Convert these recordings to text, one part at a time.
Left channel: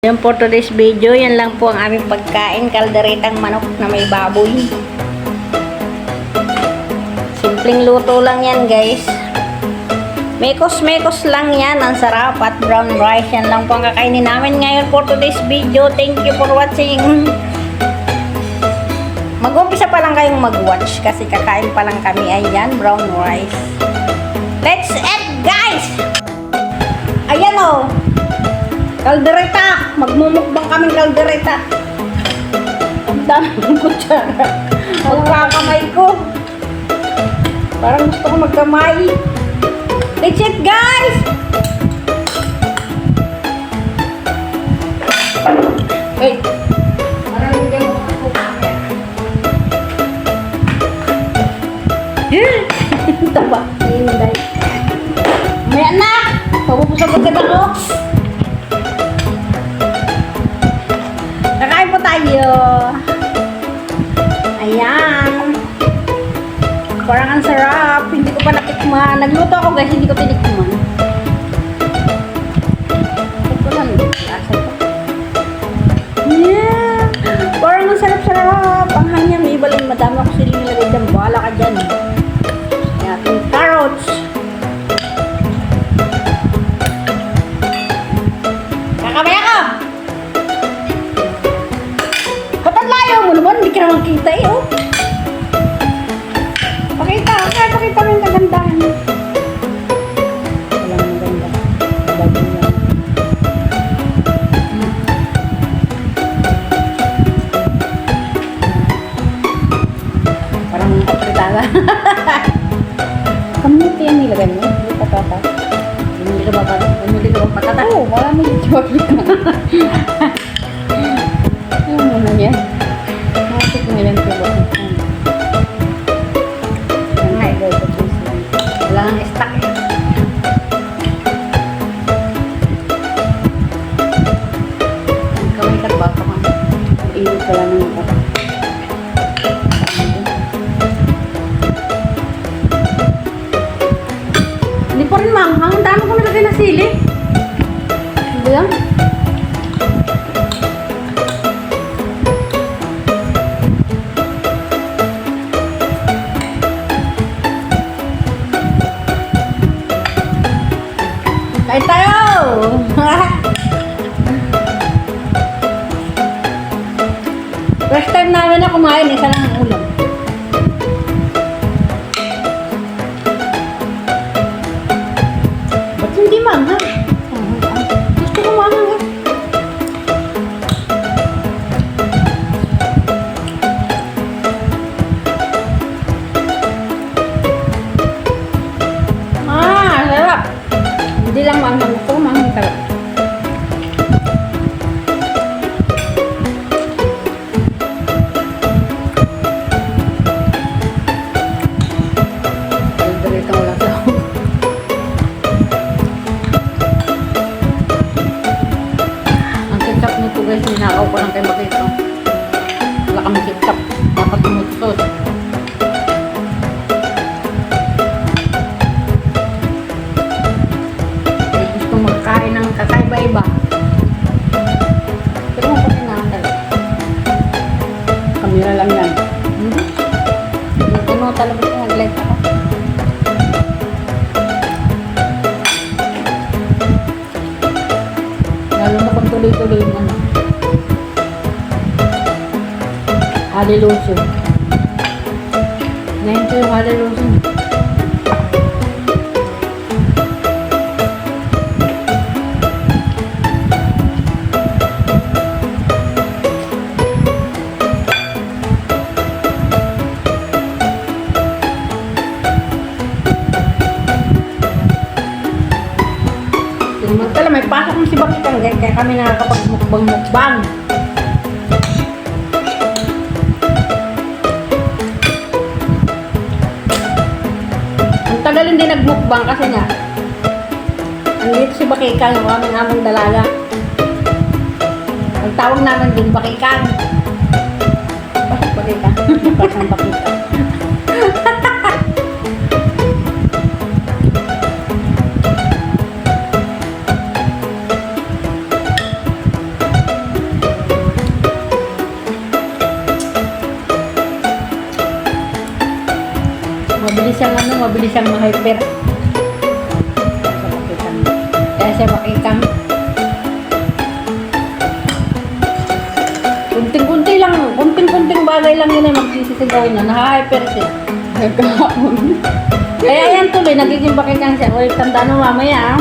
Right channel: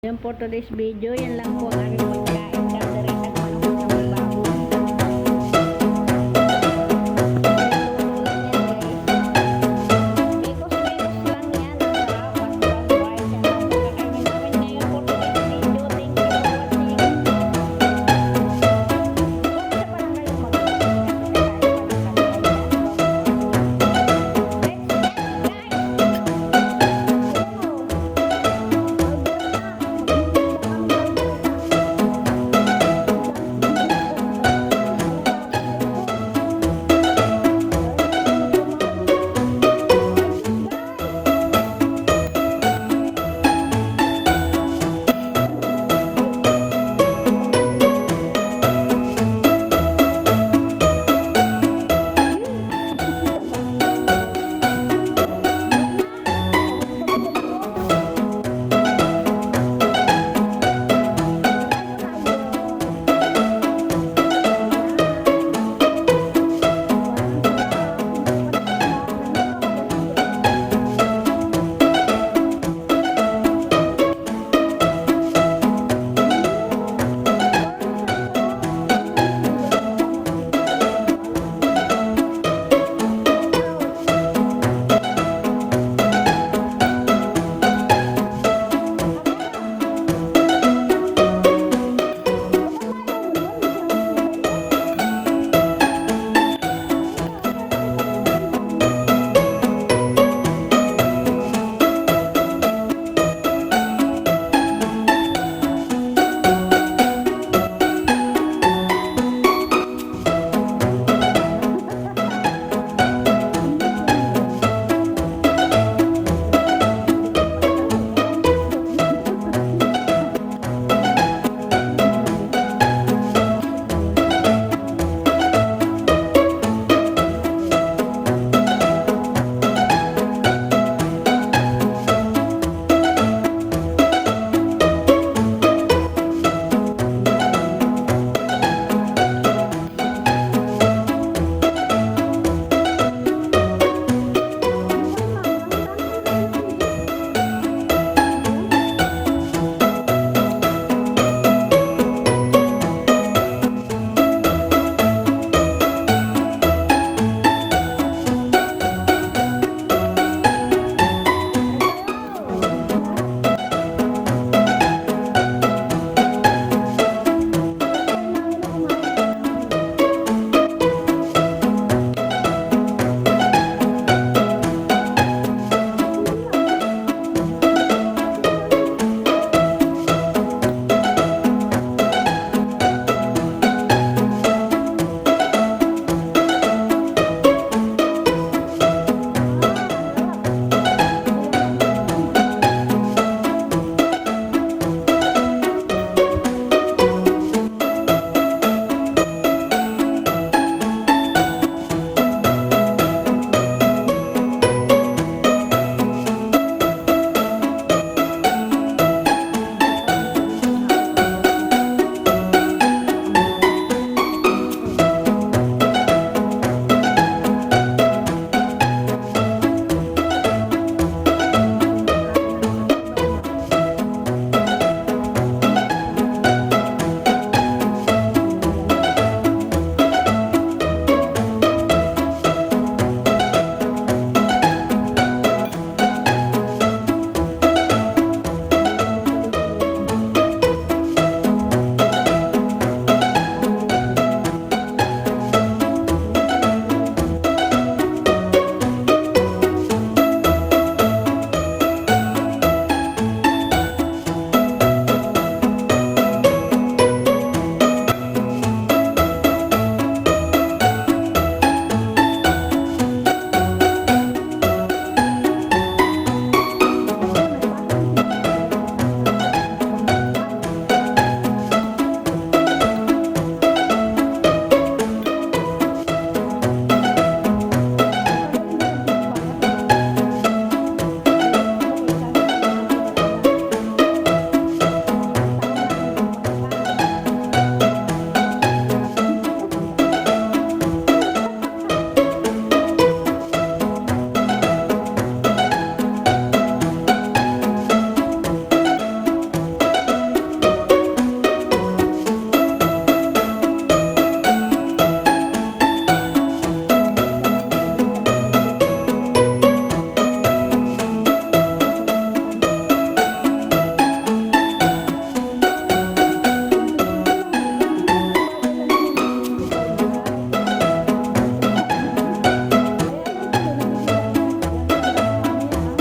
Yan for today's video, yan lang po ang aming pagkain, kalderetang manok na may baboy. Simpleng luto lang yan guys. Mekos-mekos lang yan, ang sarap at brown rice. Yan lang po ang kakainin namin ngayon for today's video. Thank you for watching. Mag-umpisa pa lang kayong mag-watch kasi kakain pa lang kami. Ayan, brown rice. Let's eat guys! Ayan o! Kaldereta! Magmumukbang kaming kaldereta. Ang daming kutsara. Magkakamay ko. Parang gusto ko magkamay. Let's eat guys! Hey! Parang hindi mo magkukumaya. Taba. May anak! Pagpupusapagod ako. Ayan. Parang ang sarap. Hindi ko pa natikman. Nagluto ako guys, hindi ko tinikman. Yeah. Parang ang sarap-sarap. Ang hanya, may iba lang. Madami ako sila nilagay dyan. Bahala ka dyan. Ayan. Carrots. Kakamaya ka! Hindi ka naman kita eh, oh. Pakita mo yung kagandahan. Parang kapitala. Kamuti yan nilagay mo? Hindi patata. Hindi ka ba pa? Hindi ka ba patata? Oo, wala mo yung job yan. Ano mo na yan? Ang dami ko nilagay na sili. Hindi lang. Kain tayo! First time namin na kumain, isa lang ang ulam. Haliluso. Ngayon ko yung haliluso. Pala may pasok mo si Bakitang kaya kami nakakapag-mukbang-mukbang. Hindi nagmukbang kasi nga andito si Bakikan, yung aming amang dalaga. Ang tawag namin din Bakikan. Bakit Bakikan? Pasang Bakikan. kain na, naka-hyper siya. Nagkahapon. Kaya yan tuloy, nagiging bakitan siya. Uy, tanda na mamaya.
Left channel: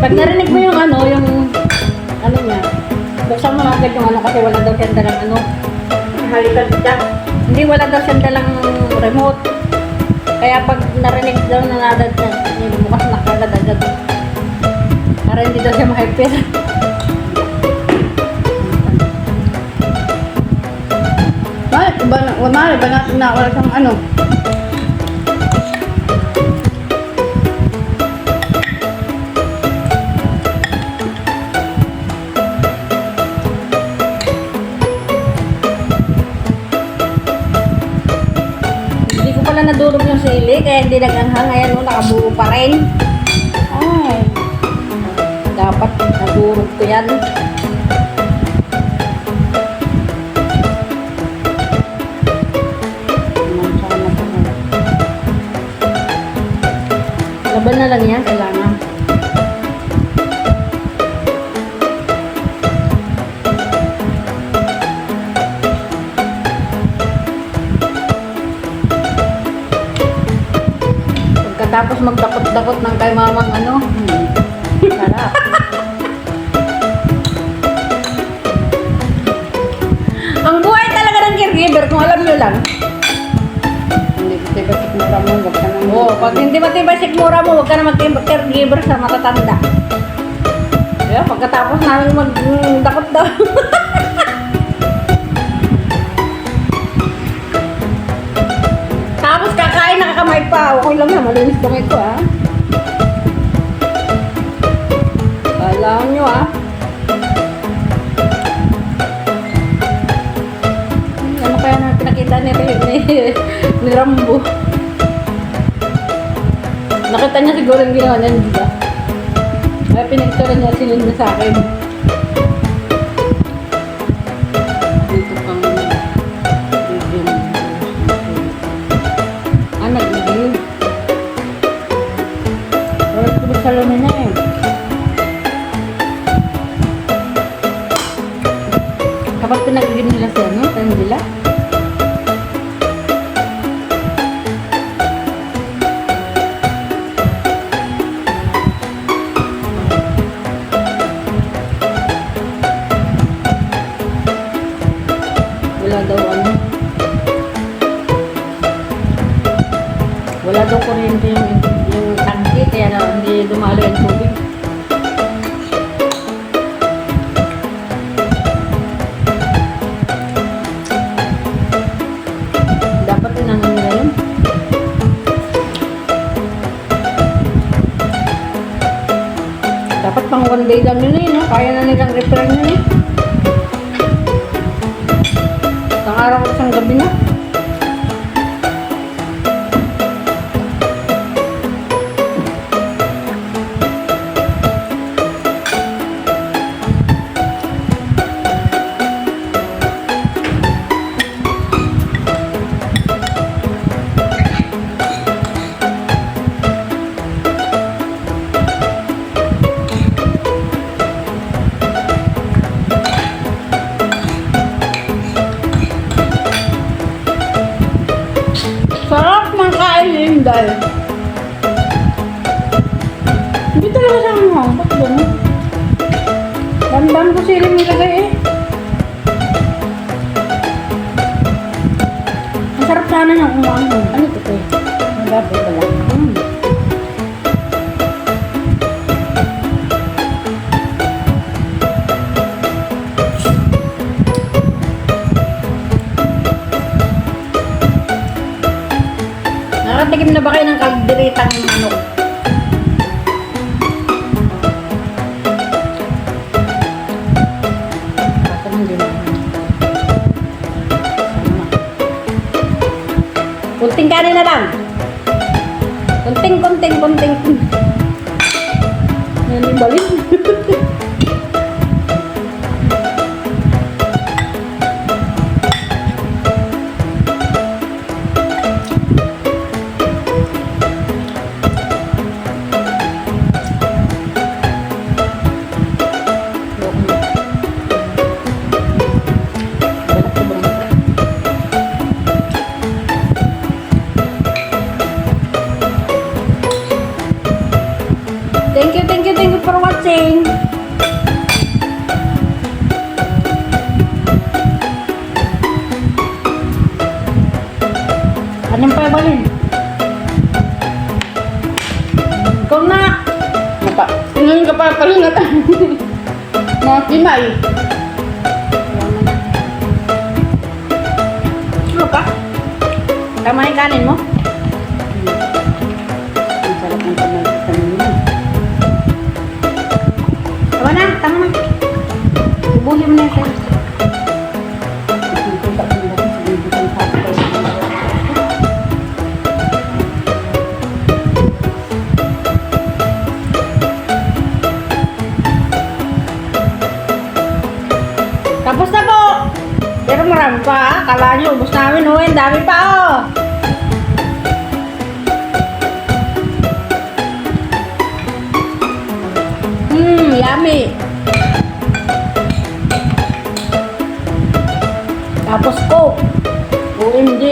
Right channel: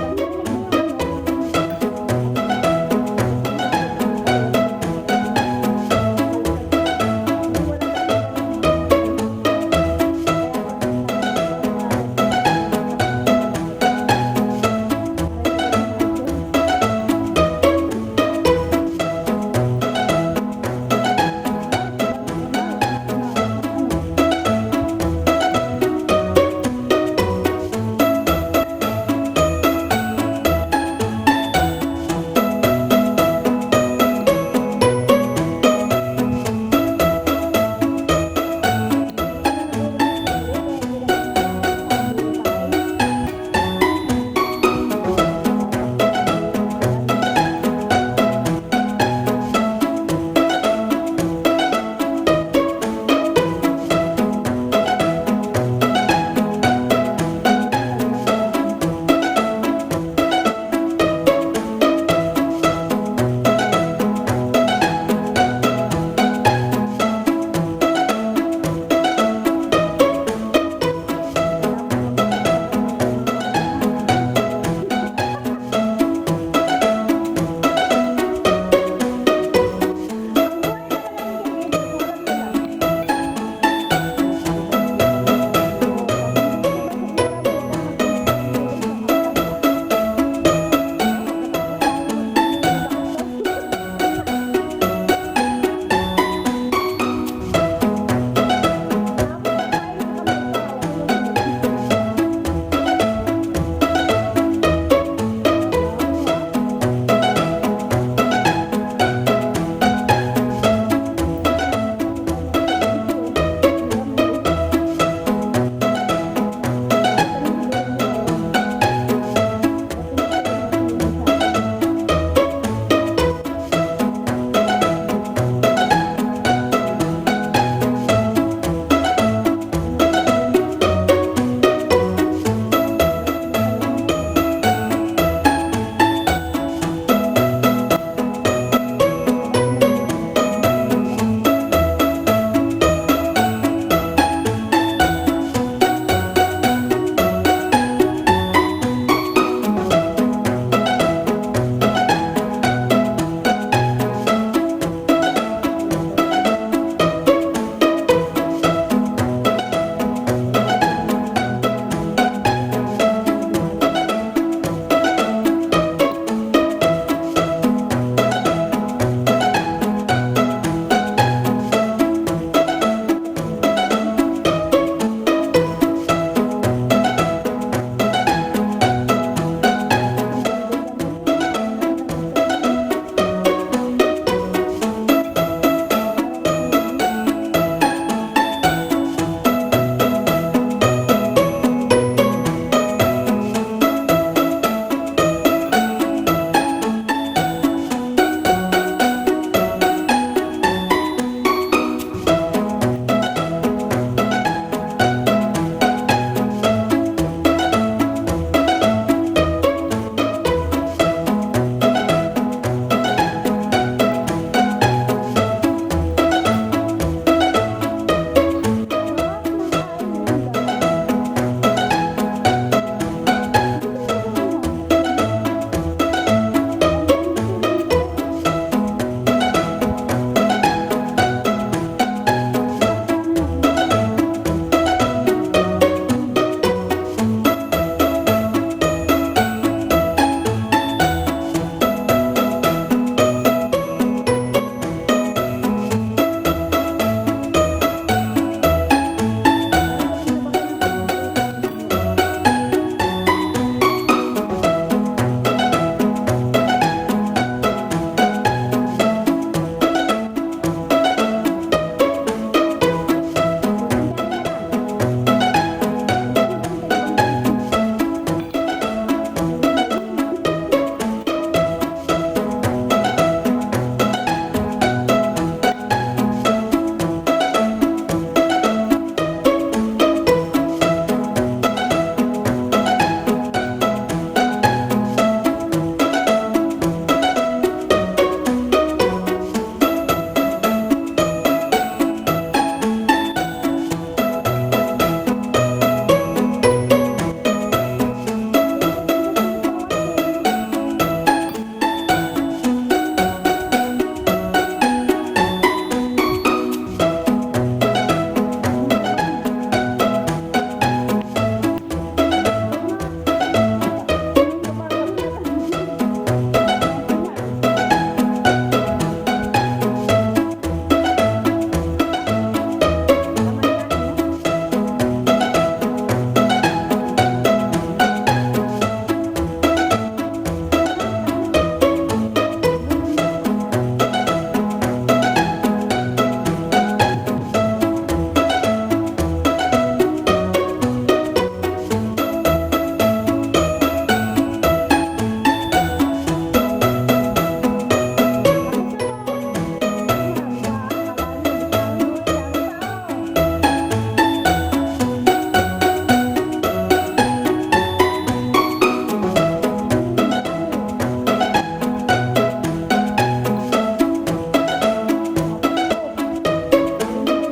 Pag narinig mo yung ano niya. Buksan mo agad yung ano kasi wala daw siyang dalang ano. Halikan siya. Hindi wala daw siyang dalang remote. Kaya pag narinig daw na nadat niya, bukas na kagad agad. Para hindi daw siya ma-hyper. Mahal ba natin na wala siyang ano? Hindi ko pala nadurog yung sili, kaya hindi naganghang. Ayan o, nakabuo pa rin. Ay, dapat nadurog ko yan. Laban na lang yan, kailangan. Pagkatapos magdakot-dakot ng kay mamang ano, sarap. Ang buhay talaga ng caregiver, kung alam nyo lang. Hindi kasi ba sigmura mo, huwag ka nang Oo, pag hindi matibay sikmura mo, huwag ka na mag-caregiver sa matatanda. Kaya pagkatapos namin magdakot-dakot. Tapos kakain nakakamay pa. Okay lang na, malinis kamay ko ah. Alam nyo ah. Ano kaya na pinakita ni Rambo? Nakita niya siguro yung ginawa niya, di ba? Kaya pinagtala niya silin mo sa akin. Nag-ibig. Wala ko sa lumi na eh. Kapag pinag-ibig nila sa ano, sa nila. Wala daw ano. Wala daw kuryente yung tangki, kaya na hindi dumalo yung tubig. Dapat tinanong nila yun. Dapat pang one day lang yun eh, no? Kaya na nilang repair yun eh. Isang araw o isang gabi na. Sarap ng kain yun dahil. Hindi talaga sa mga hangpak doon. Damdam ko sila nilagay eh. Masarap sana ng umaano. Ano ito ko eh? Dapat pala. Nakatikim na ba kayo ng kalderitang manok? Ay! Ano ka? Tama yung kanin mo? Ang sarap ng kanin niya. Tama na, tama na. Ubuhin mo na ito. Tapos na po! Pero marami pa ha. Kala nyo, ubos namin oh. Ang dami pa oh. Yummy. Tapos Coke. OMG.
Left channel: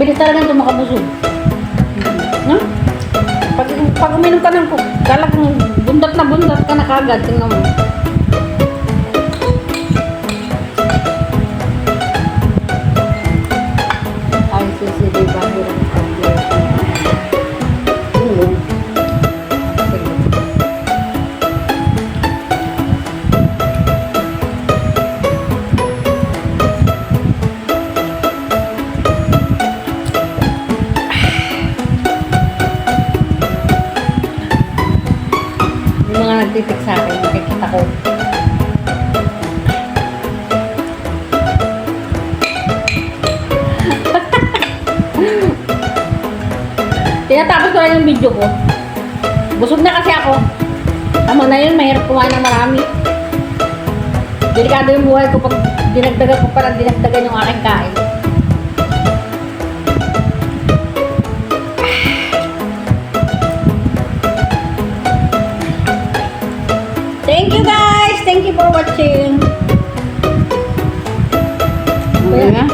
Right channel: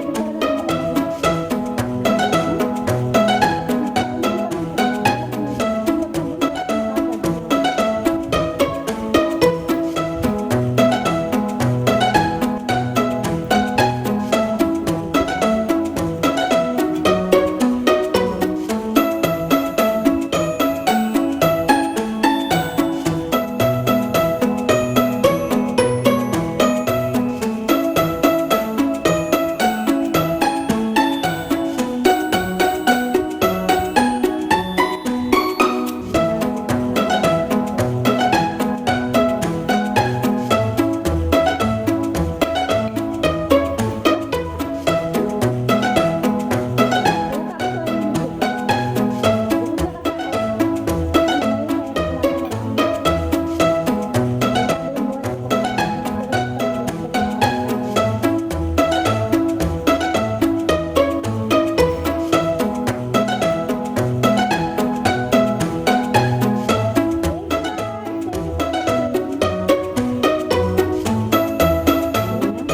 Bilis talaga ito makabusog. No? Pag uminom ka ng Coke, kala kong bundat ka na kagad. Tingnan mo. Ay, sisi, diba? Yung mga nagtitik sa akin, nakikita ko. Tinatapos ko lang yung video ko. Busog na kasi ako. Tama na yun, mahirap kumain ng marami. Delikado yung buhay ko pag dinagdagan ko parang dinagdagan yung aking kain. Thank you guys! Thank you for watching. Ano nga?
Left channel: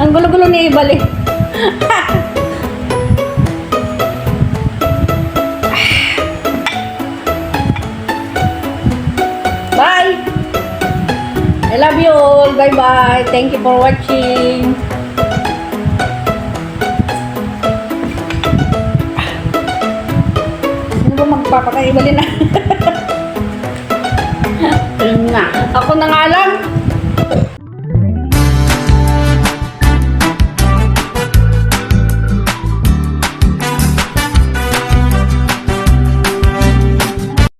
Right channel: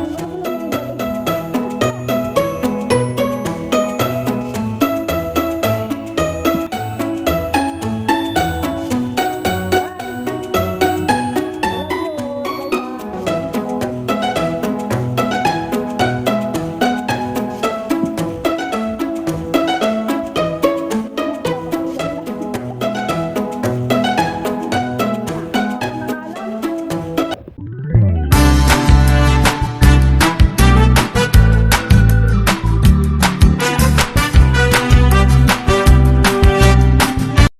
Ang gulo-gulo ni Ibalik. Bye! I love you all. Bye-bye. Thank you for watching. Sino ba magpapakaibalin na?